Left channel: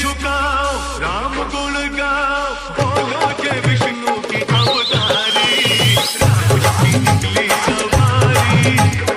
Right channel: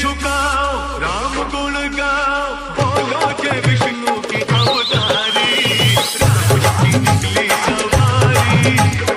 झुकाओ राम गुण गाओ बोलो जय विष्णु की अवतारी राम की निकली सवारी।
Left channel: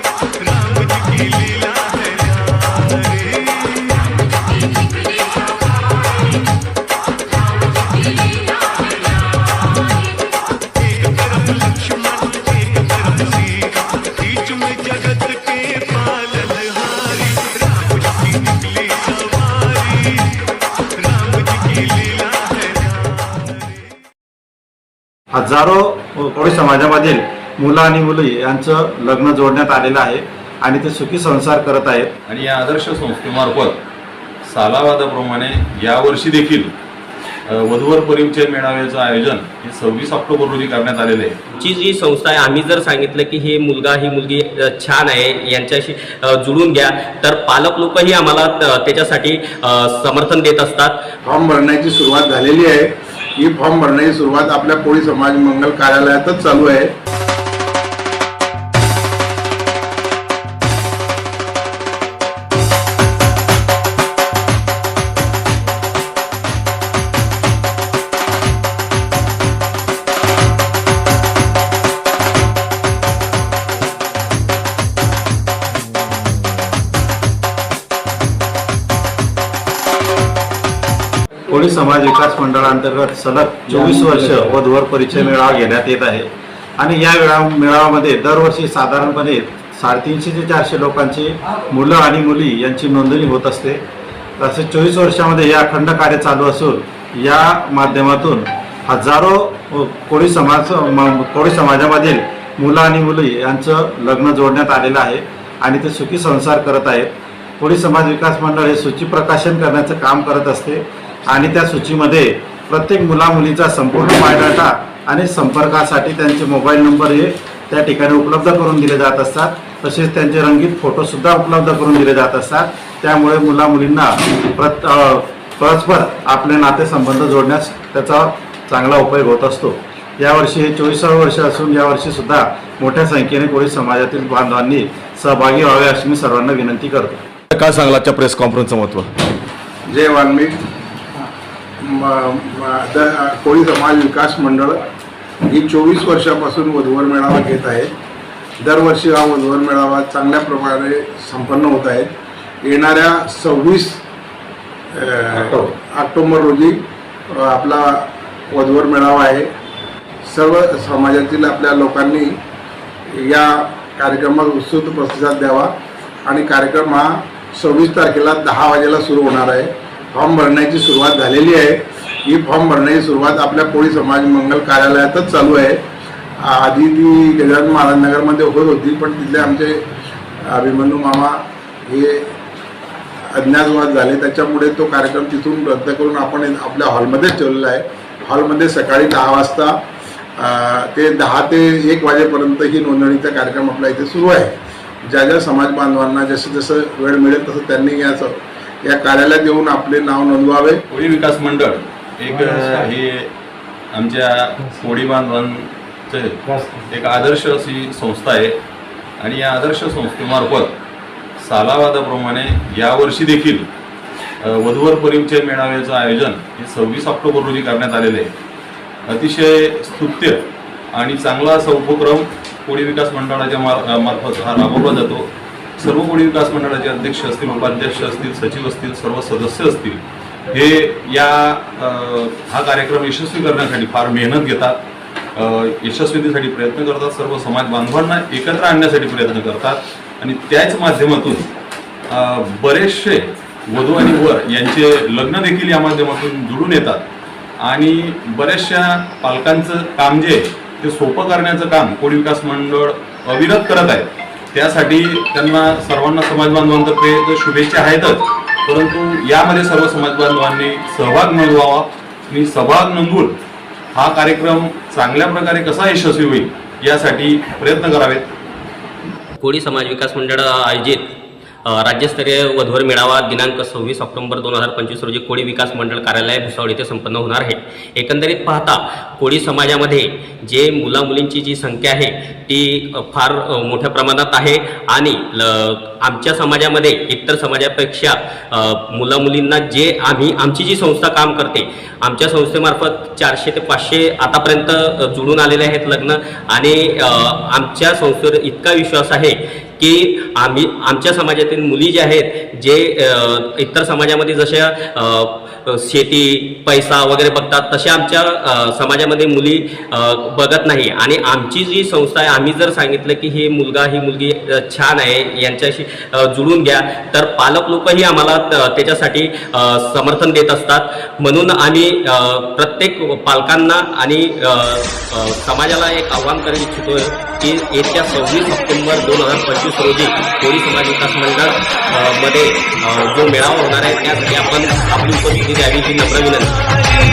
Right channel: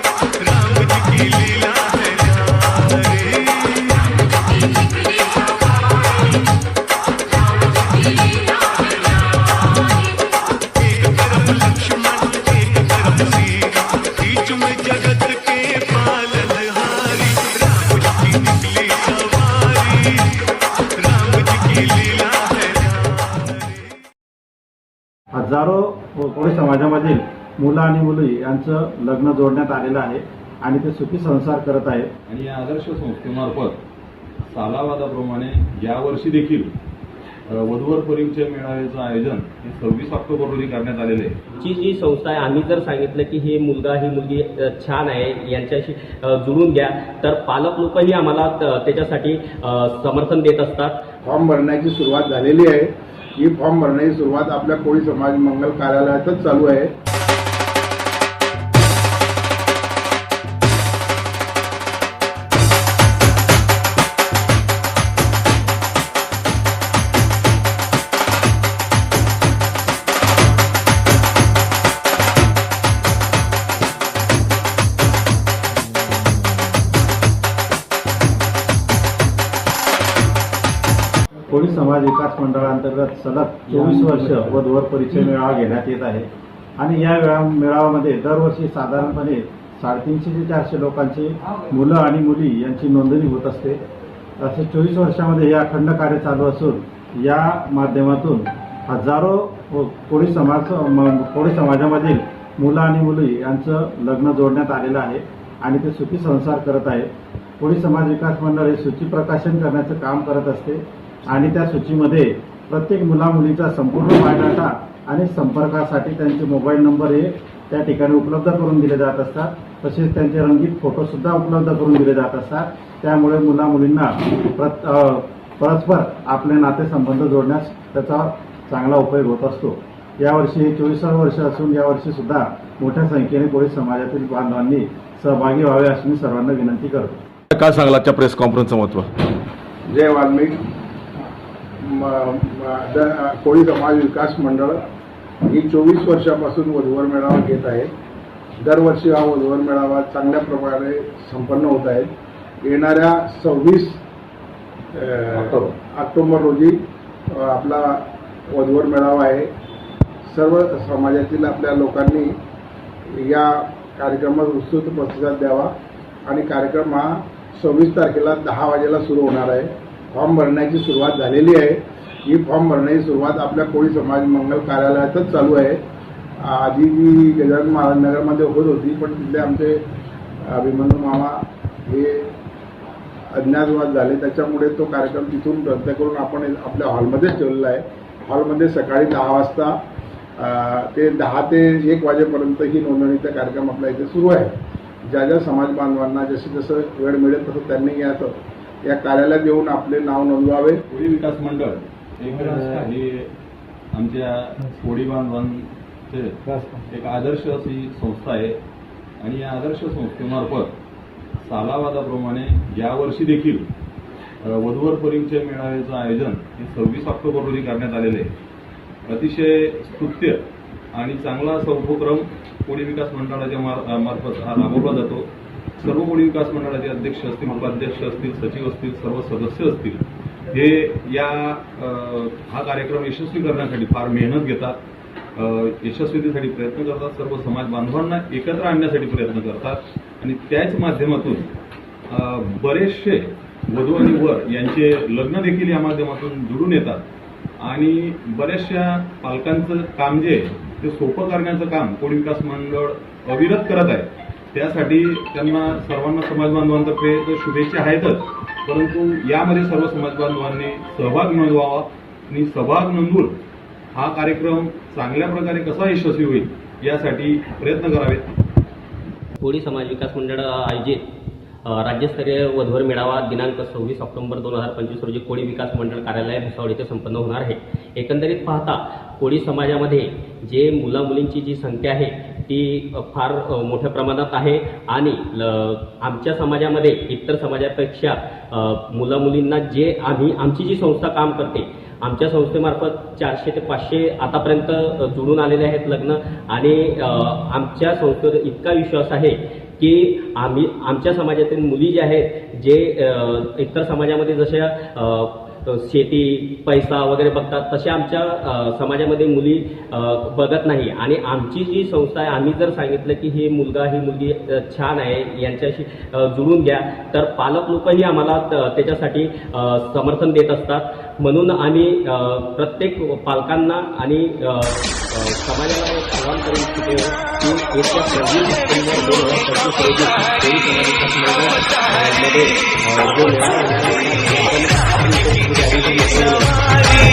हजारो कोळी समाजामधील मुलं आणि मुली यांचं लग्न जोडण्यात आलेलं आहे. आणि ते सुखी संसार करत आहेत. आणि या आदर्श संस्थेमार्फत सालावादाप्रमाणे यावर्षी देखील वधूवर परिचय मेळाव्याचं आयोजन हे सव्वीस ऑक्टोबर रोजी करण्यात आलेले आहे. ची जी संस्था आहे आम्ही जर सांगितलं की हे मुलगा ही मुलगी छान आहे यांच्याशी जुळून घ्या तर पालक लोकही आम्हाला त- त्याच्यासाठी समर्थन देत असतात. फॉर्म भरण्याची सुरुवात झालेली आहे. ही फॉर्म भरण्याची सुरुवात आपल्या कोळी समाज मंगल कार्यालयातच चालू आहे. कोळी समाज विकास मंडळांतर्गत सलग चोवीस वर्ष वधूवर परिचय मेळावा घेण्यात येत आहे. आणि या वेळा मेळाव्यामध्ये दरवर्षी साधारणपणे साडेतीनशे ते चारशे लोकांची मुलं आणि मुली यांची नोंदणी होत असते. तसेच चोवीस वर्षामध्ये हे अखंड कार्य चालू असून या माध्यमातून हजारो कोळी समाज म- कोळी समाजामधील मुलं आणि मुली यांचं लग्न जोडण्यात आलेलं आहे आणि ते सुखी संसार करत आहेत. कोळी समाज विकास मंडळ हे सूची प्रकाशन करण्याचं काम करत असते. आणि त्या सूचीमध्ये प्रत्येक मुला मुलीचा संपूर्ण बायोडाटा आणि संपर्कासाठी त्यांचे मोबाईल नंबर हे त्या ठिकाणी उपलब्ध करून दिले जात असतात. तसेच त्यांचे रंगीत फोटोसुद्धा उपलब्ध करून दिले जात असतात. त्यामुळे मुला मुलींना प्रत परस्पर आपले नातेसंबंध जोडण्यास त्याचा चांगला उपयोग होत असतो. यावर्षी हे चोवीसावं वर्ष असून यावर्षी सुद्धा मोठ्या संख्येने कोळी समाजातील बांधवांनी सहभागी व्हावे अशी मी सर्वांना विनंती करतो. काय सांगला आजच्या प्रेस कॉन्फरन्सचं महत्त्व? जय वाल्मिक. द- कोळी समाज विकास मंडळ ही चोवीस वर्षापासून वधूवर मेळावा घेत आहे. दरवर्षी हा वधूवर मेळावा चांगल्या प्रकारे संपन्न होत आहे. येणाऱ्या सव्वीस ऑक्टोबर. रोजी आपला वधूवर मेळावा आहे. सर्व समाजातील आपल्या लोकांनी या कार्यक्रमात उत्स्फूर्त प्रतिसाद द्यावा आणि कार्यक्रम हा सव्वीस तारखेला दहा वाजेला सुरू होणार आहे. फॉर्म भरण्याची सुरुवात झालेली आहे. ही फॉर्म भरण्याची सुरुवात आपल्या कोळी समाज मंगल कार्यालयातच चालू आहे. आधी ती गजानन महाराज नगरमध्ये होत होती पण तिथले आमचे अभिमन्यू मामा हे अज्ञातवाद झाले. त्याच्यामुळे तो कार्यक्रम तिथून रद्द करून आपण आपल्या हॉलमध्येच ठेवलेला आहे. हॉलमध्ये सकाळी दहा वाजता ते दहा ते एक वाजेपर्यंत ही नोंदणीचा कार्यक्रम आपल्या इथे सुरू आहे. ज्या ज्या समाज बांधवांना जसं जसं वेळ मिळेल तसं त्यांनी याचं या कार्यालयात येऊन आपले नाव नोंदवावे. कोळी विकास मंडळ एक हे आमच्या कोळी बांधवांचे एक आदर्श अशी संस्था आहे. आणि या आदर्श संस्थेमार्फत सालावादाप्रमाणे यावर्षी देखील वधूवर परिचय मेळाव्याचं आयोजन हे सव्वीस ऑक्टोबर रोजी करण्यात आलेले आहे. अतिशय स्तुत्य आणि चांगला असा उपक्रम कोळी विकास मंडळाच्या मार मार्फत हा राबवला जातो. सर्व कोळी विकास मंडळाचे अध्यक्ष असतील उपाध्यक्ष असतील सचिव असतील सर्व सदस्य असतील हे या हा कार्यक्रम यशस्वी करण्यासाठी फार मेहनत घेतात. अ, यशस्वीतेसाठी प्रयत्न करतात. सर्व समाज बांधवांना एकत्र आणण्यासाठी प्रयत्न करतात. आणि त्याच माध्यमातून बरेचसे वधू आणि वर यांचे लग्न देखील या माध्यमातून जुळून येतात. आणि बऱ्याचशा पालकांचं काम जे आहे ते सोपं करण्याचं काम कोळी विकास मंडळ अविरत करत आहे त्यासाठी त्यांना सर्वांना समाज बांधवांतर्फे तर शुभेच्छा आहेतच. परंतु यामध्ये सर्व समाज बांधवांनी सहभाग नोंदवावा आणि सहभाग नोंदवून हा कार्यक्रम चांगल्या प्रकारे कसा यशस्वी होईल यासाठी प्रयत्न करावेत. कोळी समाज विकास मंडळ आयोजित राज्यस्तरीय वधवर मेळावा दिनांक सव्वीस ऑक्टोबर दोन हजार पंचवीस रोजी कोळी विकास मंडळ कार्यालय भुसावळ येथे संपन्न होणार आहे. एकंदरीत पाहता कोळी समाजामध्ये जे मुलामुलींची जी संख्या आहे ती फार मोठ्या प्रमाणात आहे आणि ल आमच्या समाजामध्ये इतर समाजापेक्षा मुलामुलींना जे आम्ही आमची जी संस्था काम करते आमच्या संस्थेमार्फत चारशे ते पाचशे आतापर्यंत जुळून आलेले आहेत लग्न आणि आमच्या संस्थेवर इतका विश्वास आहे की आम्ही आमच्या समाजातील मुली ज्या आहेत जे इतर समाजामध्ये जशा शेती पैसा वगैरे बघतात तसे आमच्या समाजामध्ये मुली बघत नाही. आणि आमची जी संस्था आहे आम्ही जर सांगितलं की हे मुलगा ही मुलगी छान आहे यांच्याशी जुळून घ्या तर पालक लोकही आम्हाला त्याच्यासाठी समर्थन देत असतात. म्हणून आम्ही प्रत्येक पालकांना आणि समाजाला एक आव्हान करू इच्छितो की येत्या सव्वीस सप्टेंबर दोन हजार पंचवीस रोजी कोळी समाज विकास मंडळमध्ये जो मेळावा होणार आहे त्यासाठी आपण आपली उपस्थिती द्यावी ही नम्र विनंती.